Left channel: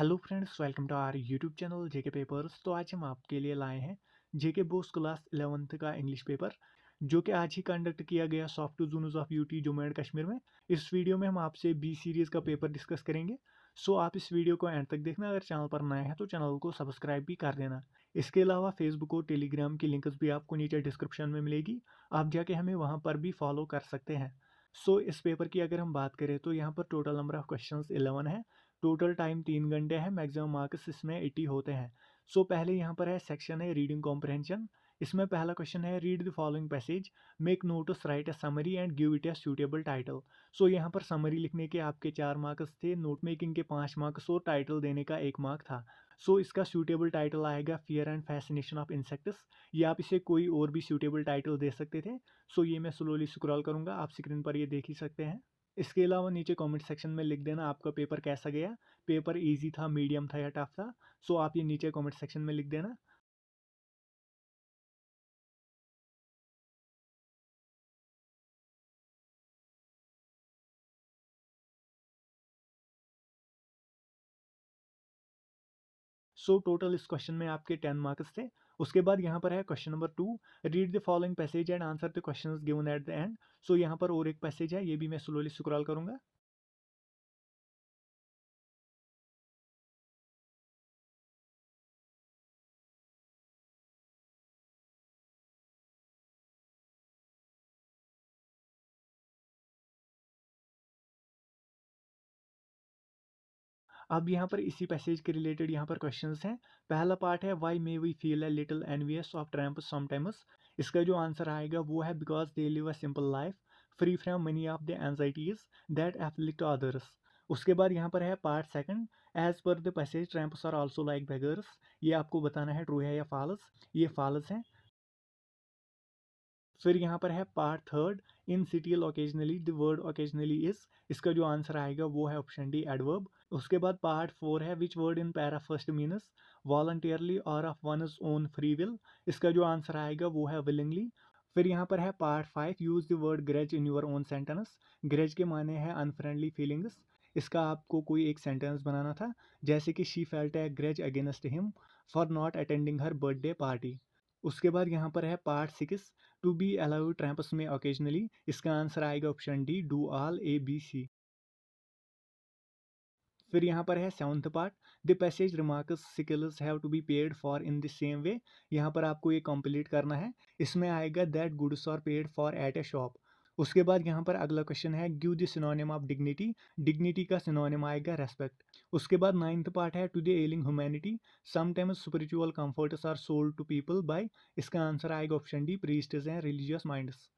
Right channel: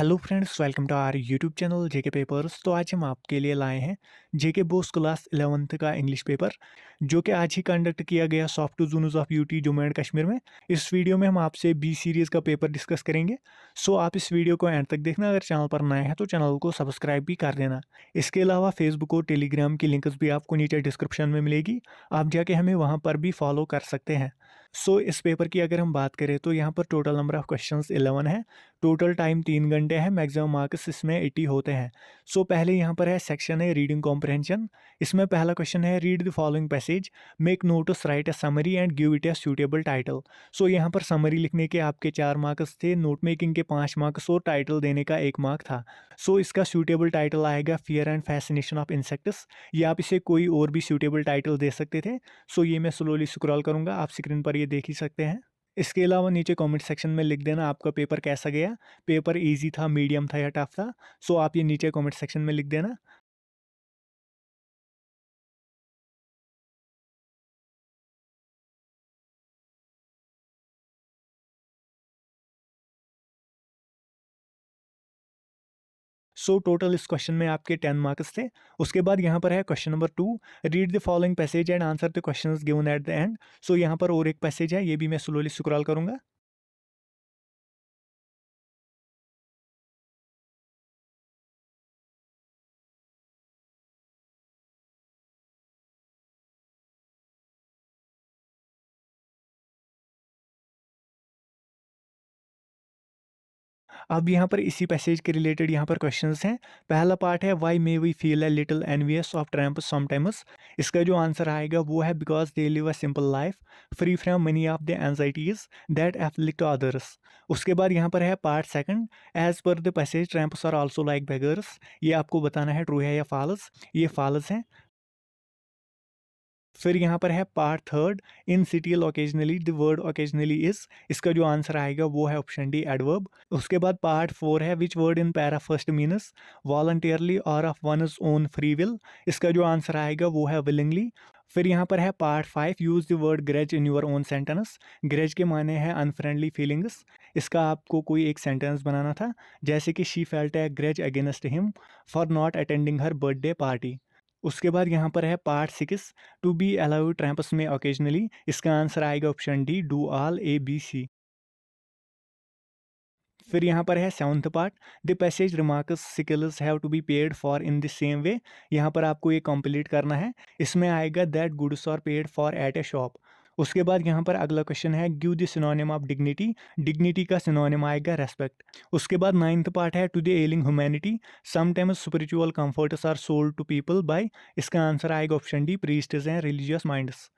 Hello friends, welcome to our YouTube channel JK papers. तो आज हम आपके लिए लाए हैं जेके बोस क्लास 11th का इंग्लिश पेपर, जो कि आज ही कंडक्ट किया गया soft zones of UT Jammu and Kashmir में। इस वीडियो में हम आपसे बी सीरीज़ का पेपर डिस्कस करेंगे। सो आप इस वीडियो को एंड तक देखना। अगर चैनल पर नए हैं तो चैनल को सब्सक्राइब भी कर देना। इसके अलावा फेसबुक और टेलीग्राम की लिंक्स भी आपको नीचे डिस्क्रिप्शन में मिलेगी, आप जाके हमें वहाँ पर भी फॉलो कर सकते हैं। सो इस पेपर की अगर हम बात करें तो यहाँ पर टोटल नंबर ऑफ क्वेश्चंस 11 है। टोटल टाइम 3 घंटे है। मैक्सिमम मार्क्स इसमें 80 होते हैं। सो पहले यहाँ पर है सेक्शन है रीडिंग कॉम्प्रहेंशन। इसमें पहला क्वेश्चन है read the following passage, make notes, write a summary and give it a suitable title. So यहाँ पर समरी लिखने के आपके 4 मार्क्स थे, नोट मेकिंग के 5 मार्क्स और टाइटल देने का 1 मार्क था। सो इसका सूटेबल टाइटल आएगा fear and fascination of insects, या आप इसे कोई और भी सूटेबल टाइटल दे सकते थे। सो ये मैं स्लोली स्क्रॉल करूँगा, आप स्क्रीन पर ये देख ही सकते हैं। इसके अलावा नीचे कमेंट सेक्शन में लिख देना आपका पेपर कैसा गया, पेपर इजी था, मीडियम था या टफ था। सो आप ये नीचे कमेंट सेक्शन में लिख देना। सो टोटल इस क्वेश्चन में आपके 10 मार्क्स थे। उसके बाद यहाँ पर है question number 2, read the following passage and answer the questions given at the end. So यहाँ पर और एक पैसेज है, ये भी मैं स्लोली स्क्रॉल करूँगा। अब यहाँ पर इसी पैसेज के रिलेटेड यहाँ पर क्वेश्चंस हैं। पहला पार्ट है why may we feel a little envious of tramp sometimes. इसका जो आंसर आएगा वो है because they live a simple life free from money of the anxieties that afflict others. उसके बाद यहाँ पर है part second, as per the passage tramps are also like beggars. ये आपको बताना है ट्रू है या फॉल्स। ये फॉल्स है। फिर यहाँ पर है part third, initial occasionally the word occasionally is. इसका जो आंसर आएगा वो है ऑप्शन डी एडवर्ब। उसके बाद पार्ट फोर है which word in para first means voluntarily or of one's own free will. इसका जो आंसर आएगा वो है विलिंगली। फिर यहाँ पर है part five, use the word graze in your own sentence. Graze के माने हैं अनफ्रेंडली फीलिंग्स। इसका आपको कोई एक सेंटेंस बनाना था, जैसे कि she felt a grudge against him for not attending her birthday party. उसके बाद यहाँ पर है part six, to be allowed tramps में ओकेजनली। इसका आंसर आएगा option D, do all A B C. फिर यहाँ पर है seventh part, the passage remarks skills have to be paid for in the same way. यहाँ पर आपको ये कंप्लीट करना है। इसमें आएगा that goods are paid for at a shop. उसके बाद यहाँ पर अगला क्वेश्चन है give the synonym of dignity. Dignity का सिनोनिम आएगा रेस्पेक्ट। उसके बाद नाइन्थ पार्ट है to the ailing humanity sometimes spiritual comforts are sold to people by. इसका आंसर आएगा option D, priests and religious minds.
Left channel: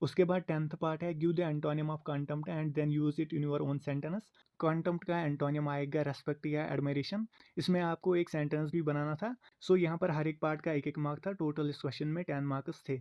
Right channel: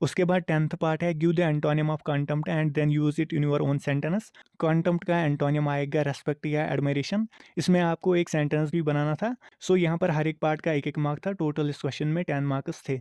उसके बाद टेंथ पार्ट है give the antonym of contempt and then use it in your own sentence. Contempt का antonym आएगा respect या admiration. इसमें आपको एक सेंटेंस भी बनाना था। सो यहाँ पर हर एक पार्ट का एक एक मार्क था। टोटल इस क्वेश्चन में 10 मार्क्स थे।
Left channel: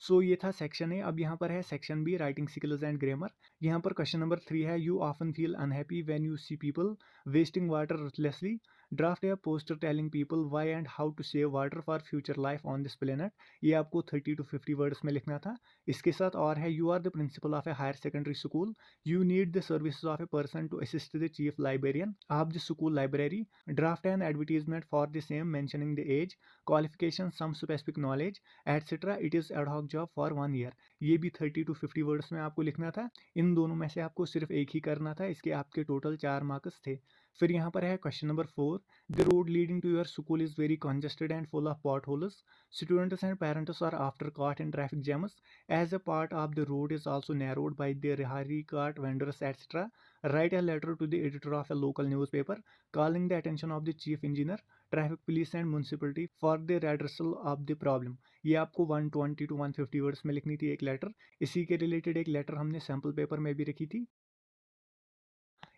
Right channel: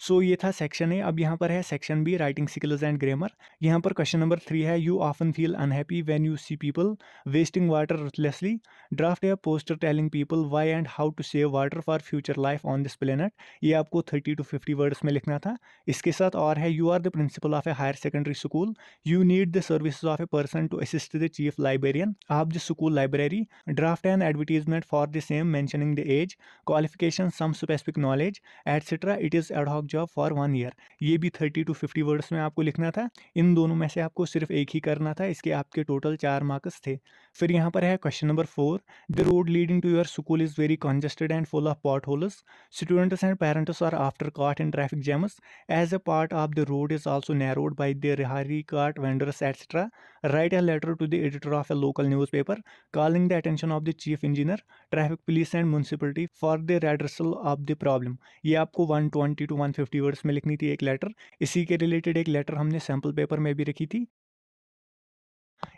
सो ये था सेक्शन ए। अब यहाँ पर है section B, writing skills and grammar. यहाँ पर क्वेश्चन नंबर 3 है you often feel unhappy when you see people wasting water ruthlessly. Draft a poster telling people why and how to save water for future life on this planet. ये आपको 30 to 50 words में लिखना था। इसके साथ और है you are the principal of a higher secondary school, you need the services of a person to assist the chief librarian of the school library. Draft an advertisement for the same mentioning the age, qualification, some specific knowledge etcetera. It is ad hoc job for 1 year. ये भी 30 to 50 words में आपको लिखना था। इन दोनों में से आपको सिर्फ एक ही करना था। इसके आपके टोटल 4 मार्क्स थे। फिर यहाँ पर है question number 4, the road leading to your school is very congested and full of potholes. Students and parents are after caught in traffic jams as a part of the road is also narrowed by the Rihari cart vendors etc. Write a letter to the editor of a local newspaper calling the attention of the chief engineer, traffic police and municipality for the redressal of the problem। ये आपको 120 to 150 words में लिखनी थी एक letter. इसी के related एक letter हमने सैम्पल पेपर में भी रखी थी।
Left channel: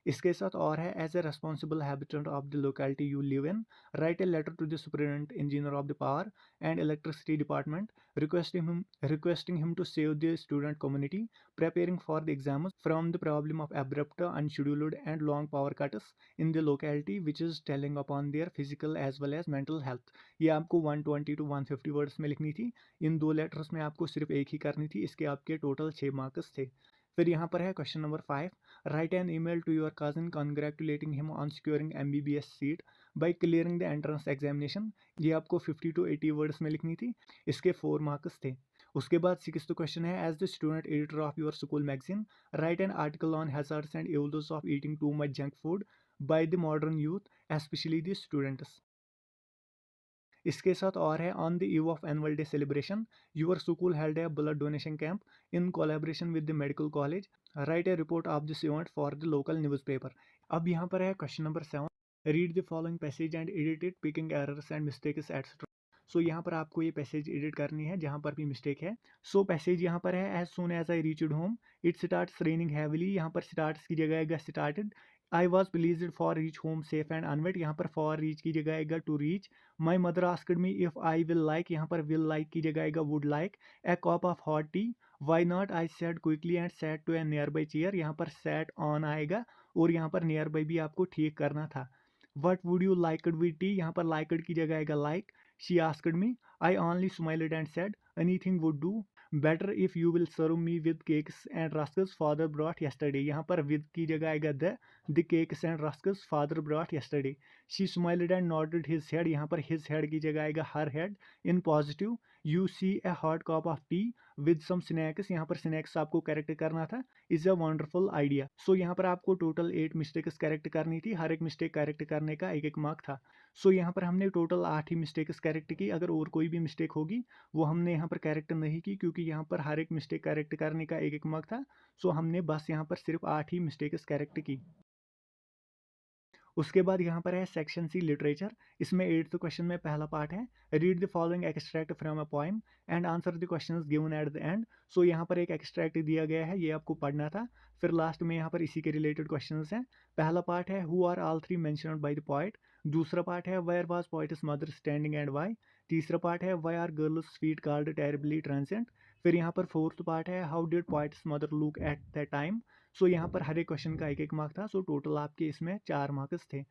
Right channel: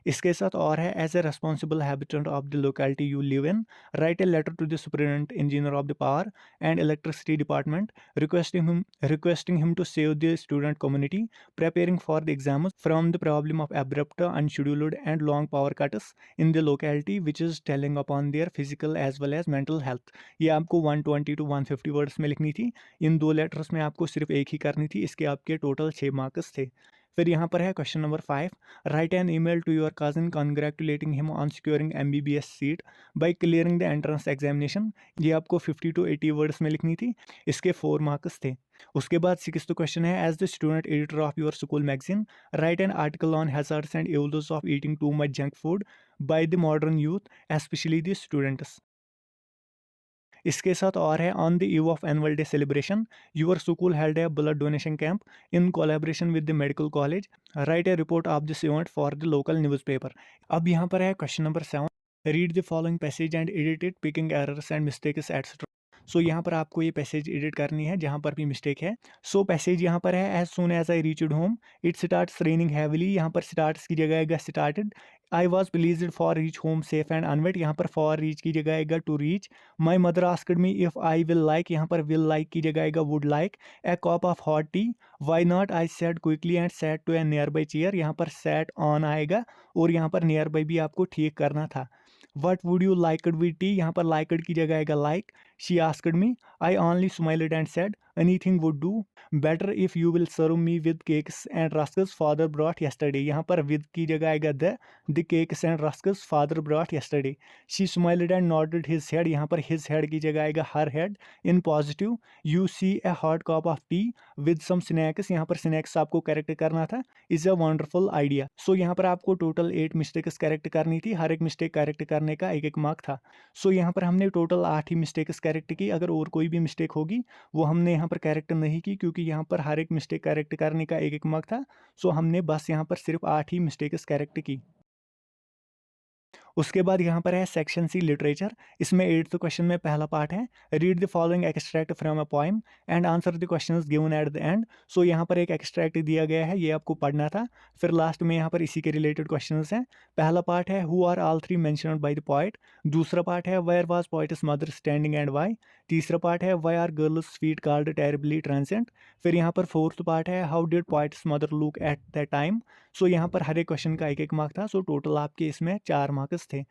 इसके साथ और है as a responsible habitant of the locality you live in, write a letter to the superintendent engineer of the power and electricity department requesting him to save the student community preparing for the exams from the problem of abrupt, unscheduled and long power cuts in the locality which is telling upon their physical as well as mental health। ये आपको 120 to 150 words में लिखनी थी। इन दो letters में आपको सिर्फ एक ही करनी थी। इसके आपके टोटल 6 मार्क्स थे। फिर यहाँ पर है question number 5, write an email to your cousin congratulating him on securing MBBS seat by clearing the entrance examination. ये आपको 50 to 80 वर्ड्स में लिखनी थी। इसके 4 मार्क्स थे। उसके बाद 6th क्वेश्चन है, as the student editor of your school magazine write an article on hazards and ills of eating too much junk food by the modern youth especially the students. इसके साथ और है, on the eve of annual day celebration your school held a blood donation camp in collaboration with the medical college, write a report of this event for the local newspaper. अब यहाँ पर है question number 7, read the following passage and edit it picking errors and mistakes etcetera. So यहाँ पर आपको ये passage edit करनी है जहाँ पर भी मिस्टेक है। सो पैसेज यहाँ पर है, as soon as I reached home it starts raining heavily, यहाँ पर स्टार्ट्स की जगह आएगा started. I was pleased for reach home safe and unwet, यहाँ पर फॉर रीच की जगह आएगा to reach. My mother asked me if I will like, यहाँ पर विल लाइक की जगह आएगा would like a cup of hot tea. Why not, I said quickly and sat to A near by chair, यहाँ पर sat on आएगा और यहाँ पर नियर बाई भी आपको ठीक करना था। What would you liked with tea, यहाँ पर लाइकड की जगह आएगा like. She asked me, I only smiled and said anything would do. Better if you will serve me with cakes and rusks father brought yesterday, यहाँ पर with की जगह आएगा the cakes and rusks father brought yesterday. She smiled and nodded his head, यहाँ पर his head की जगह आएगा her head in positive. You see a hot cup of tea with some snacks, यहाँ पर स्नैक्स आपको करेक्ट करना था। Is a wonderful idea. So यहाँ पर आपको टोटल 8 मिस्टेक्स करेक्ट करनी थी, हर एक मिस्टेक करेक्ट करने का एक मार्क था। सो यहाँ पर हमने टोटल 8 ही मिस्टेक्स करेक्ट की। अगर और कोई भी मिस्टेक होगी वो हमने यहाँ पर करेक्ट नहीं की, क्योंकि यहाँ पर हर एक मिस्टेक करेक्ट करने का एक मार्क था। सो हमने बस यहाँ पर सिर्फ 8 ही मिस्टेक्स करेक्ट की। उसके बाद यहाँ पर है सेक्शन सी लिटरेचर। इसमें 8th क्वेश्चन में पहला पार्ट है, read the following extract from a poem and answer the questions given at the end. So यहाँ पर एक एक्सट्रैक्ट दिया गया है, ये आपको पढ़ना था। फिर लास्ट में यहाँ पर इसी के रिलेटेड क्वेश्चंस हैं। पहला पार्ट है, who are all three mentioned by the poet. दूसरा पार्ट है, where was poet's mother standing and why. तीसरा पार्ट है, why are girls feet cold terribly transient. फिर यहाँ पर 4th पार्ट है, how did poet's mother look at the time. So यहाँ पर हर एक क्वेश्चन का एक मार्क था। सो टोटल आपके इसमें 4 मार्क्स थे।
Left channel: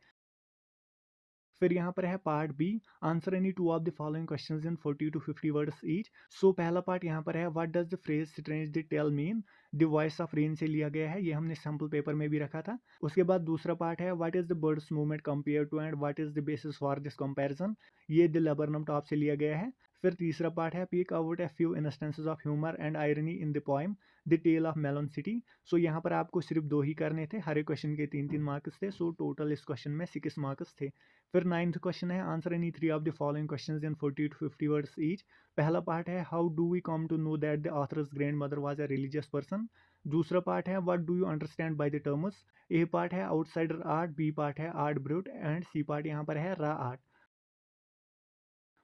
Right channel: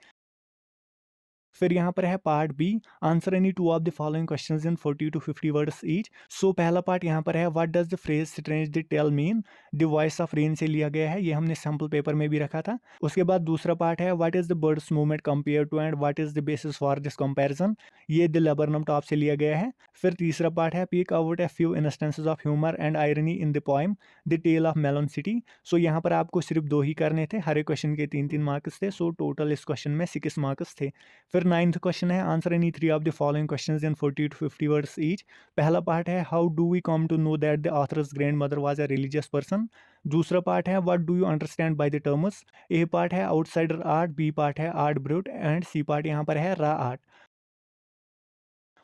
फिर यहाँ पर है part B, answer any two of the following questions in 40 to 50 words each. So पहला पार्ट यहाँ पर है, what does the phrase strange the tale mean. The voice of rain से लिया गया है, ये हमने सैम्पल पेपर में भी रखा था। उसके बाद दूसरा पार्ट है, what is the birds movement compare to and what is the basis for this comparison. ये द लेबरनम टॉप से लिया गया है। फिर तीसरा पार्ट है, pick out a few instances of humour and irony in the poem the tale of melon city. So यहाँ पर आपको सिर्फ 2 ही करने थे, हर एक क्वेश्चन के 3-3 मार्क्स थे। सो टोटल इस क्वेश्चन में 6 मार्क्स थे। फिर 9th क्वेश्चन है, answer any 3 of the following questions in 40 to 50 words each. पहला पार्ट है, how do we come to know that the author's grandmother was a religious person. दूसरा part है, what do you understand by the terms. A part है outsider art, B part है art brut and C part यहाँ पर है रा art.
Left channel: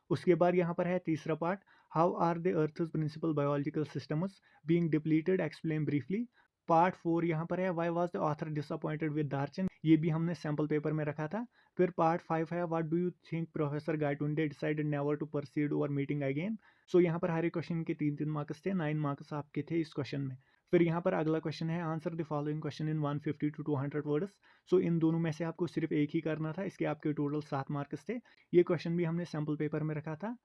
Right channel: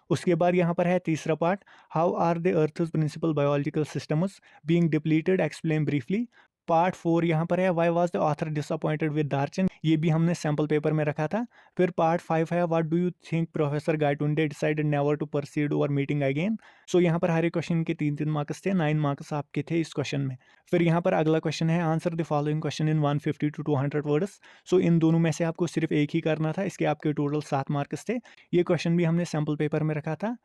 उसके बाद यहाँ पर है तीसरा part, how are the earth's principal biological systems being depleted explain briefly. Part 4 यहाँ पर है, why was the author disappointed with Darchen, ये भी हमने सैम्पल पेपर में रखा था। फिर पार्ट 5 है, what do you think professor Gaitonde decided never to preside over meeting again. So यहाँ पर हर एक क्वेश्चन के 3-3 मार्क्स थे, 9 मार्क्स आपके थे इस क्वेश्चन में। फिर यहाँ पर अगला क्वेश्चन है, answer the following question in 150 to 200 words. So इन दोनों में से आपको सिर्फ एक ही करना था, इसके आपके टोटल 7 मार्क्स थे। ये क्वेश्चन भी हमने सैम्पल पेपर में रखा था।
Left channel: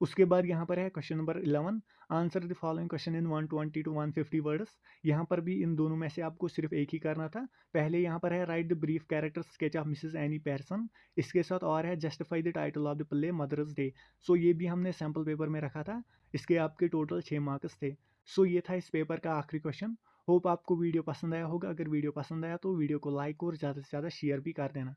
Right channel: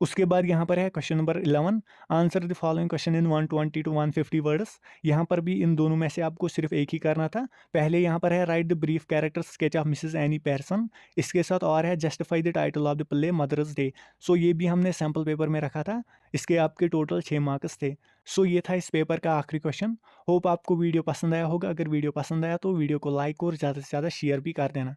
उसके बाद यहाँ पर है question number 11, answer the following question in 120 to 150 words. यहाँ पर भी इन दोनों में से आपको सिर्फ एक ही करना था। पहले यहाँ पर है, write the brief character sketch of mrs Annie Pearson. इसके साथ और है, justify the title of the play mother's day. So ये भी हमने सैम्पल पेपर में रखा था, इसके आपके टोटल 6 मार्क्स थे। सो ये था इस पेपर का आखिरी क्वेश्चन। होप आपको वीडियो पसंद आया होगा। अगर वीडियो पसंद आया तो वीडियो को लाइक और ज़्यादा से ज़्यादा शेयर भी कर देना।